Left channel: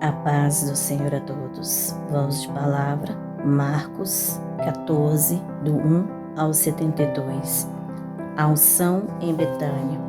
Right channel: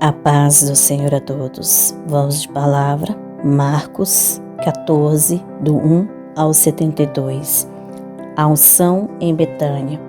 A paz do Senhor a todos. Vamos de palavra, Marcos 14, do 1 ao 72. A unção em Betânia.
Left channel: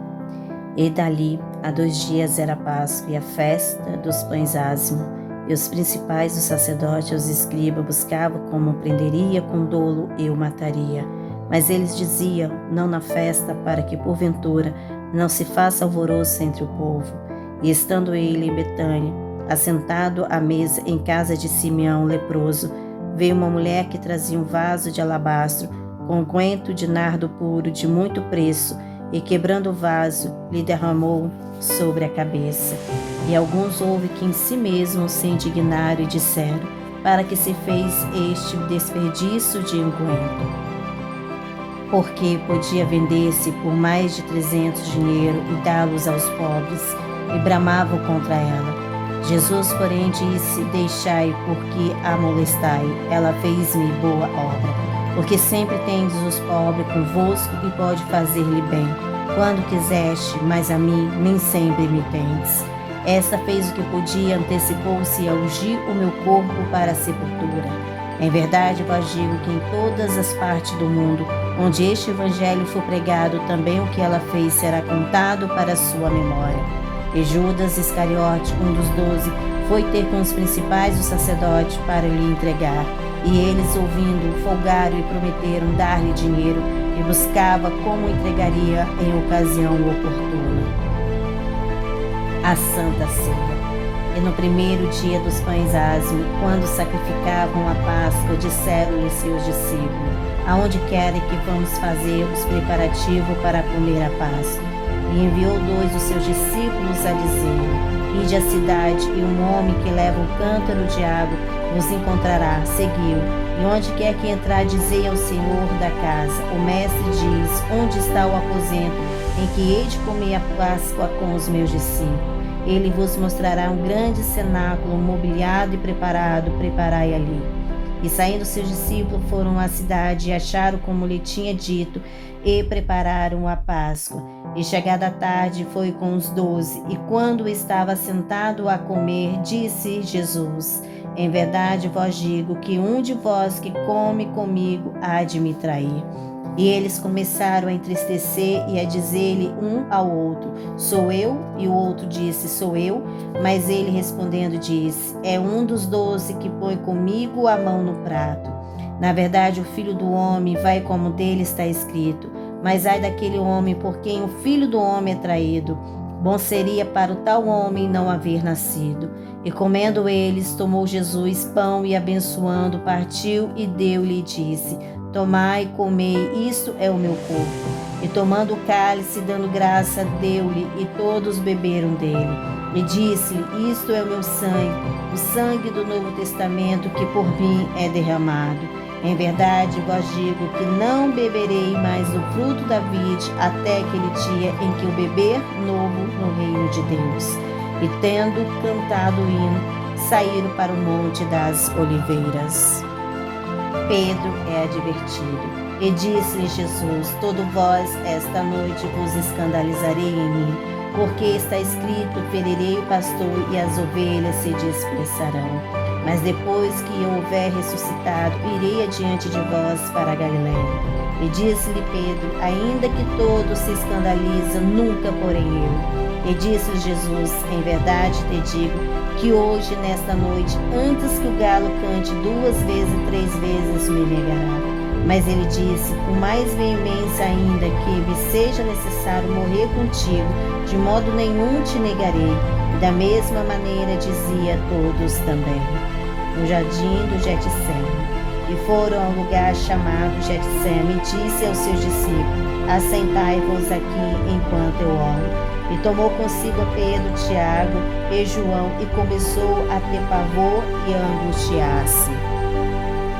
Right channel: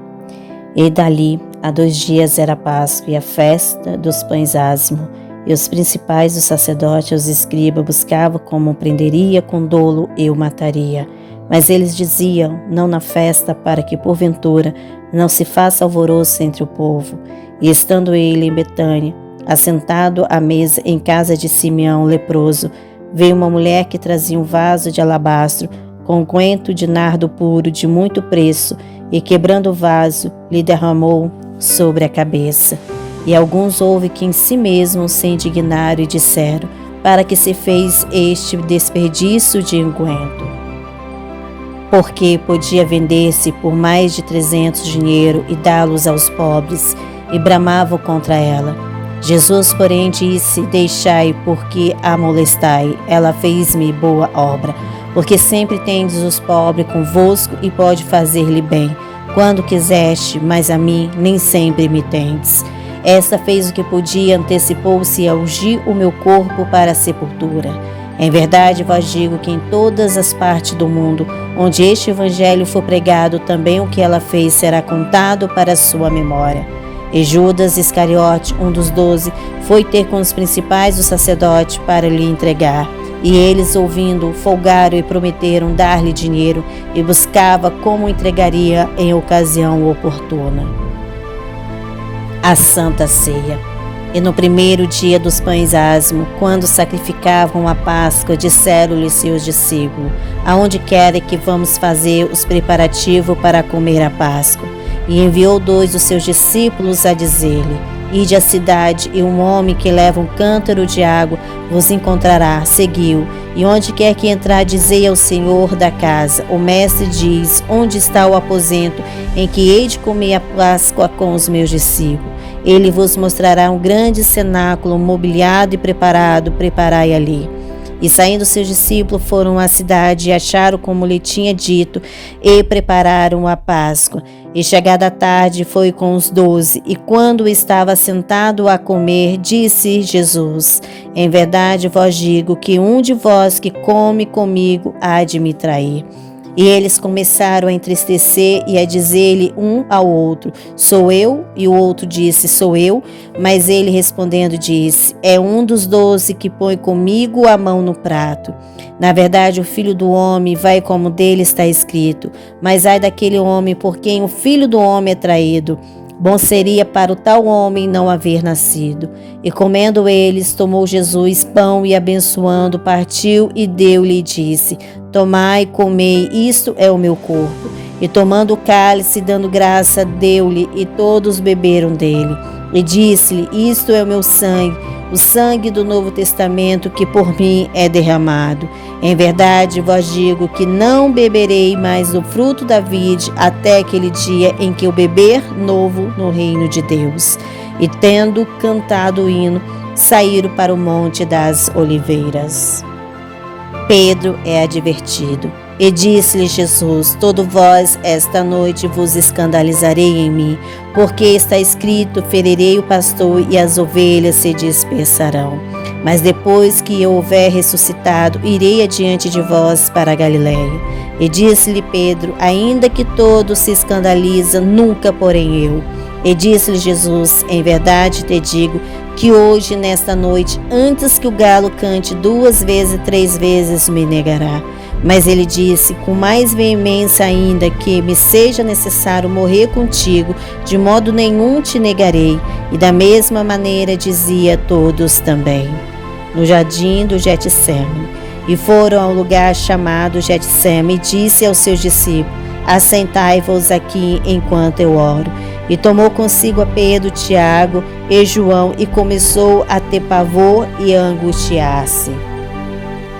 E dali a 2 dias era a Páscoa e a festa dos pães ázimos, e os principais dos sacerdotes e os escribas buscavam como prenderia com dolo e o mataria. Mas eles diziam, não na festa, para que porventura não se faça alvoroço entre o povo. E estando ele em Betânia, assentado à mesa em casa de Simeão leproso, veio uma mulher que trazia um vaso de alabastro com unguento de nardo puro de muito preço, e quebrando o vaso, lhe derramou sobre a cabeça. E alguns houve que em si mesmos se indignaram e disseram, para que se fez este desperdício de unguento? Porque podia vender-se por mais de 300 dinheiro e dá-los aos pobres, e bramavam contra ela. Jesus, porém, disse, deixai, porque a molestai, ela fez-me boa obra, porque sempre tendes os pobres convosco e pode fazer-lhe bem, quando quiseste, mas a mim nem sempre me tendes. Esta fez o que podia, antecipou-se a ungir o meu corpo para a sepultura. Em verdade vos digo que em todas as partes do mundo, onde este evangelho for pregado, também o que ela fez será contado para a sua memória. E Judas Iscariote, um dos 12, foi ter com os principais dos sacerdotes para lhe entregar. E eles, ouvindo, folgaram e prometeram dar-lhe dinheiro, e buscava como entregaria em ocasião oportuna. A Santa Ceia. E no primeiro dia dos pães ázimos, quando sacrificavam a Páscoa, disseram-lhe seus discípulos, aonde querem que vamos fazer os preparativos para comer a Páscoa? E enviou 2 dos seus discípulos a dizer-lhe, ide à cidade, e um homem que leva um cântaro de água vos encontrará, seguiu, e onde quer que entrar, dizei ao Senhor da casa, o mestre diz, onde está o aposento em que hei de comer a Páscoa com os meus discípulos? Ele vos mostrará um grande cenáculo mobiliado e preparado, preparai ali. E saindo seus discípulos foram à cidade e acharam como lhe tinha dito e prepararam a Páscoa. E chegada a tarde foi com os 12, e quando estava sentado a comer, disse Jesus, em verdade vos digo que um de vós que come comigo há de me trair. E eles começaram a entristecer e a dizer-lhe um ao outro, sou eu? E o outro disse, sou eu? Mas ele respondendo disse, é um dos 12 que põe comigo a mão no prato. Na verdade, o Filho do Homem vai como dele está escrito, mas ai daquele homem por quem o Filho do Homem é traído. Bom seria para o tal homem não haver nascido. E comendo eles, tomou Jesus pão e abençoando, partiu e deu-lhe e disse, tomai, comei, isto é o meu corpo. E tomando o cálice, dando graça, deu-lhe, e todos beberam dele. E disse-lhe, isto é o meu sangue, o sangue do Novo Testamento, que por mim é derramado. Em verdade vos digo que não beberei mais do fruto da vide até aquele dia em que eu beber novo no reino de Deus. E tendo cantado o hino, saíram para o Monte das Oliveiras. Pedro é advertido. E disse-lhe Jesus, todo vós esta noite vos escandalizarei em mim, porque está escrito, ferirei o pastor e as ovelhas se dispersarão. Mas depois que eu houver ressuscitado, irei adiante de vós para a Galiléia. E disse-lhe Pedro, ainda que todos se escandalizam, nunca porém eu. E disse-lhe Jesus, em verdade te digo, que hoje, nesta noite, antes que o galo cante 2 vezes, 3 vezes, me negará. Mas ele disse, com mais veemência ainda, que me seja necessário morrer contigo, de modo nenhum te negarei. E da mesma maneira dizia a todos também. No jardim do Getsêmani. E foram ao lugar chamado Getsêmani, e disse aos seus discípulos, assentai-vos aqui enquanto eu oro. E tomou consigo a Pedro, Tiago e João, e começou a ter pavor e a angustiar-se.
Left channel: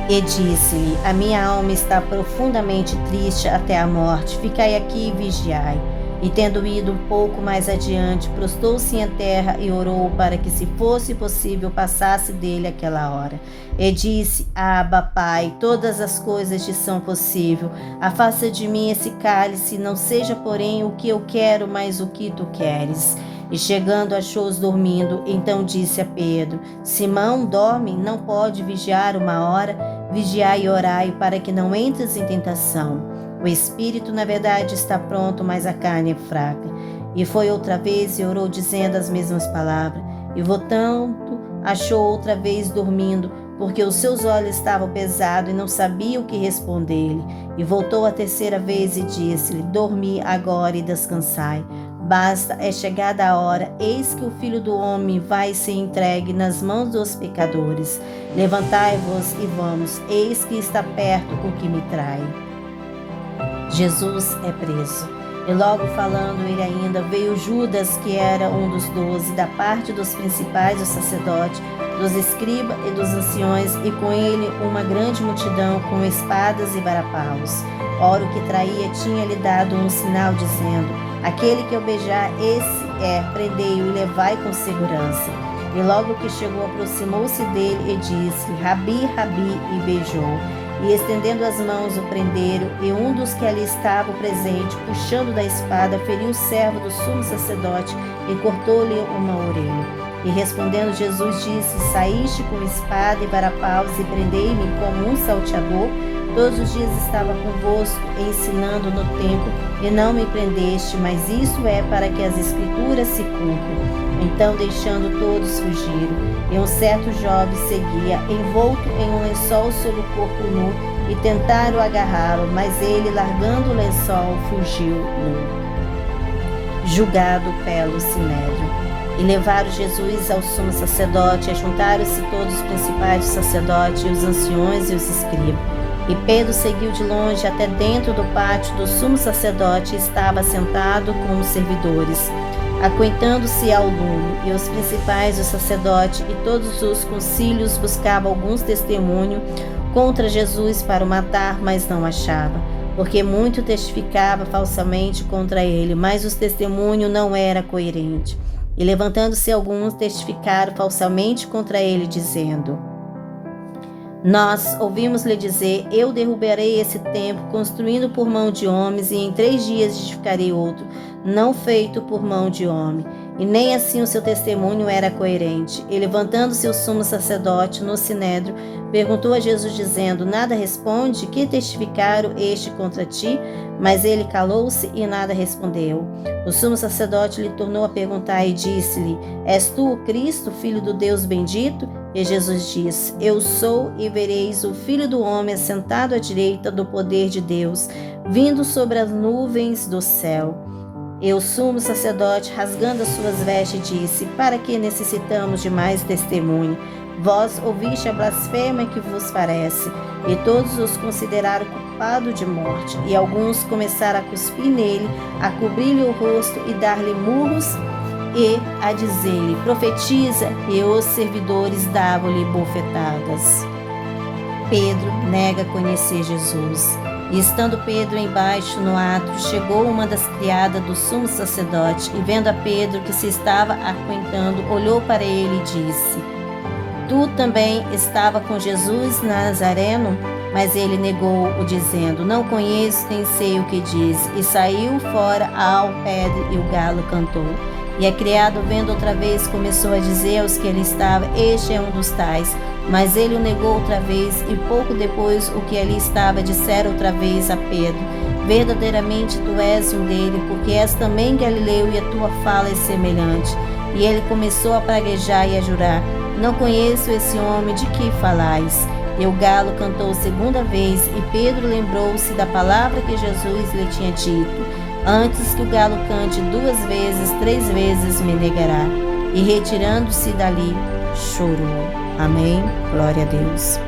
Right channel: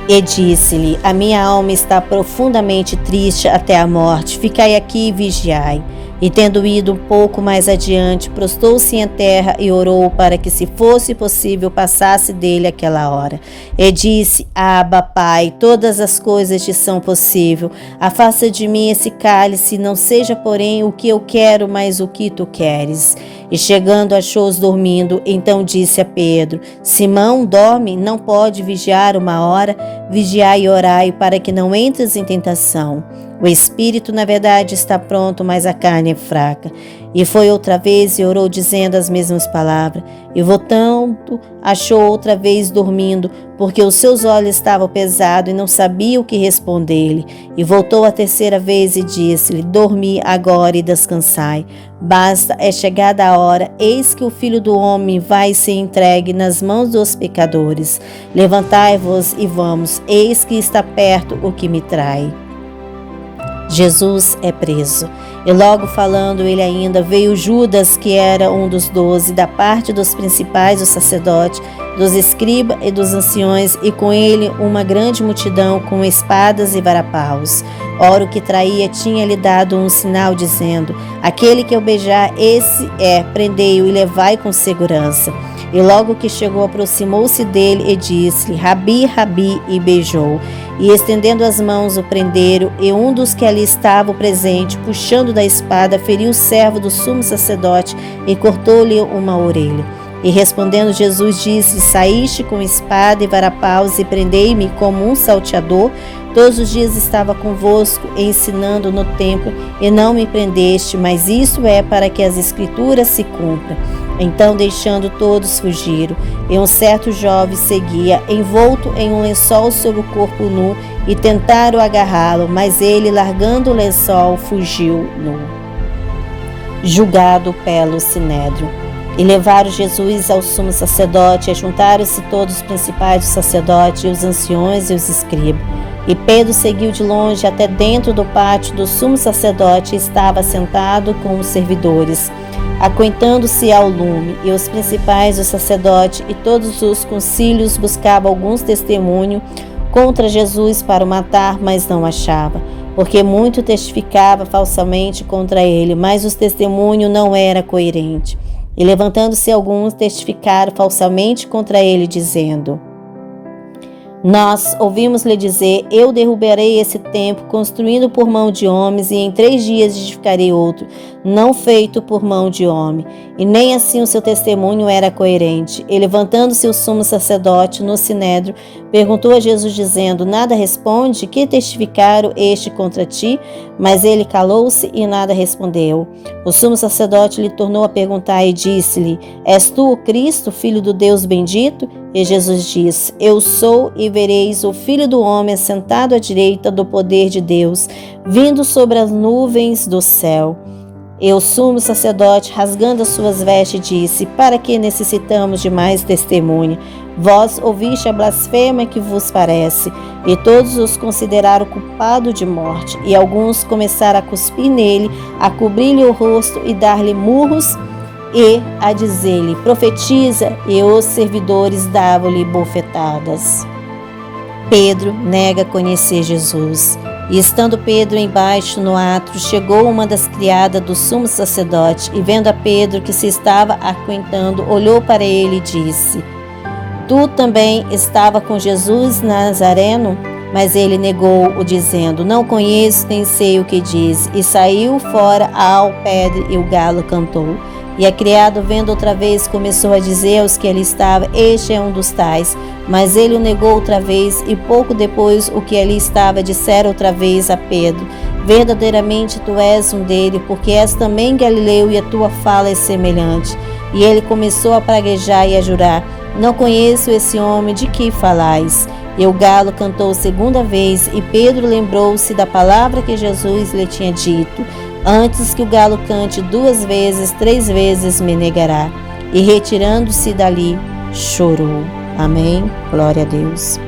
E disse-lhe, a minha alma está profundamente triste até a morte, ficai aqui e vigiai. E tendo ido um pouco mais adiante, prostou-se em terra e orou para que, se fosse possível, passasse dele aquela hora. E disse, Abba, Pai, todas as coisas te são possíveis. Afasta de mim esse cálice, não seja, porém, o que eu quero, mas o que tu queres. E chegando, achou-os dormindo. Então disse a Pedro: Simão, dorme? Não pode vigiar 1 hora? Vigiai e orai, para que não entres em tentação. O espírito, na verdade, está pronto, mas a carne é fraca. E foi outra vez e orou, dizendo as mesmas palavras. E voltando, achou outra vez dormindo, porque os seus olhos estavam pesados e não sabia o que responder-lhe. E voltou a terceira vez e disse-lhe: Dormi agora e descansai. Basta, é chegada a hora, eis que o Filho do Homem vai ser entregue nas mãos dos pecadores. Levantai-vos e vamos, eis que está perto o que me trai. Jesus é preso. E logo falando ele ainda, veio Judas, que era um dos 12, da parte dos principais dos sacerdotes, dos escribas e dos anciões, e com ele uma grande multidão com espadas e varapaus. Ora, o que traía tinha-lhe dado um sinal, dizendo: Aquele que eu beijar, esse é, prendei-o e levai com segurança. E logo que chegou, aproximou-se dele e disse-lhe: Rabi, Rabi, e beijou. E estendendo as mãos o prenderam, e um dos que ali estavam presente, puxando da espada, feriu o servo do sumo sacerdote e cortou-lhe uma orelha. E respondendo Jesus disse: Saíste com espada e varapaus e prendei-me como um salteador? Todos os dias estava convosco, ensinando no templo, e não me prendeste, mas isso é para que as escrituras se cumpram. Então, deixando todos, fugiram. E um certo jovem seguia, envolto em um lençol sobre o corpo nu, e tentaram agarrá-lo, mas ele, largando o lençol, fugiu nu. Julgado pelo Sinédrio. E levaram Jesus ao sumo sacerdote, e juntaram-se todos os principais dos sacerdotes, e os anciões e os escribas. E Pedro seguiu de longe até dentro do pátio do sumo sacerdote, e estava sentado com os servidores, aquentando-se ao lume. E os principais dos sacerdotes e todos os concílios buscavam alguns testemunhos contra Jesus para o matar, mas não achava, porque muito testificava falsamente contra ele, mas os testemunhos não era coerente. E levantando-se alguns, testificaram falsamente contra ele, dizendo: Nós ouvimos-lhe dizer: Eu derrubarei esse templo, construído por mão de homens, e em 3 dias edificarei outro, não feito por mão de homem. E nem assim o seu testemunho era coerente. E levantando-se o sumo sacerdote no sinédrio, perguntou a Jesus, dizendo: Nada responde? Que testificaram este contra ti? Mas ele calou-se e nada respondeu. O sumo sacerdote lhe tornou a perguntar e disse-lhe: És tu o Cristo, filho do Deus bendito? E Jesus disse: Eu sou, e vereis o Filho do Homem sentado à direita do poder de Deus, vindo sobre as nuvens do céu. E o sumo sacerdote, rasgando as suas vestes, disse: Para que necessitamos de mais testemunha? Vós ouviste a blasfêmia que vos parece. E todos os consideraram culpado de morte. E alguns começaram a cuspir nele, a cobrir-lhe o rosto e dar-lhe murros, e a dizer-lhe: Profetiza. E os servidores davam-lhe bofetadas. Pedro nega conhecer Jesus. E estando Pedro embaixo no átrio, chegou uma das criadas do sumo sacerdote, e vendo a Pedro que se estava aquentando, olhou para ele e disse: Tu também estava com Jesus Nazareno? Mas ele negou-o, dizendo: Não conheço, nem sei o que diz. E saiu fora ao pedre, e o galo cantou. E a criada, vendo outra vez, começou a dizer aos que ali estavam: Este é um dos tais. Mas ele o negou outra vez, e pouco depois o que ali estava disseram outra vez a Pedro: Verdadeiramente tu és um dele, porque és também galileu, e a tua fala é semelhante. E ele começou a praguejar e a jurar: Não conheço esse homem de que falais. E o galo cantou 2ª vez, e Pedro lembrou-se da palavra que Jesus lhe tinha dito: Antes que o galo cante 2 vezes, 3 vezes me negará. E retirando-se dali, chorou. Amém. Glória a Deus.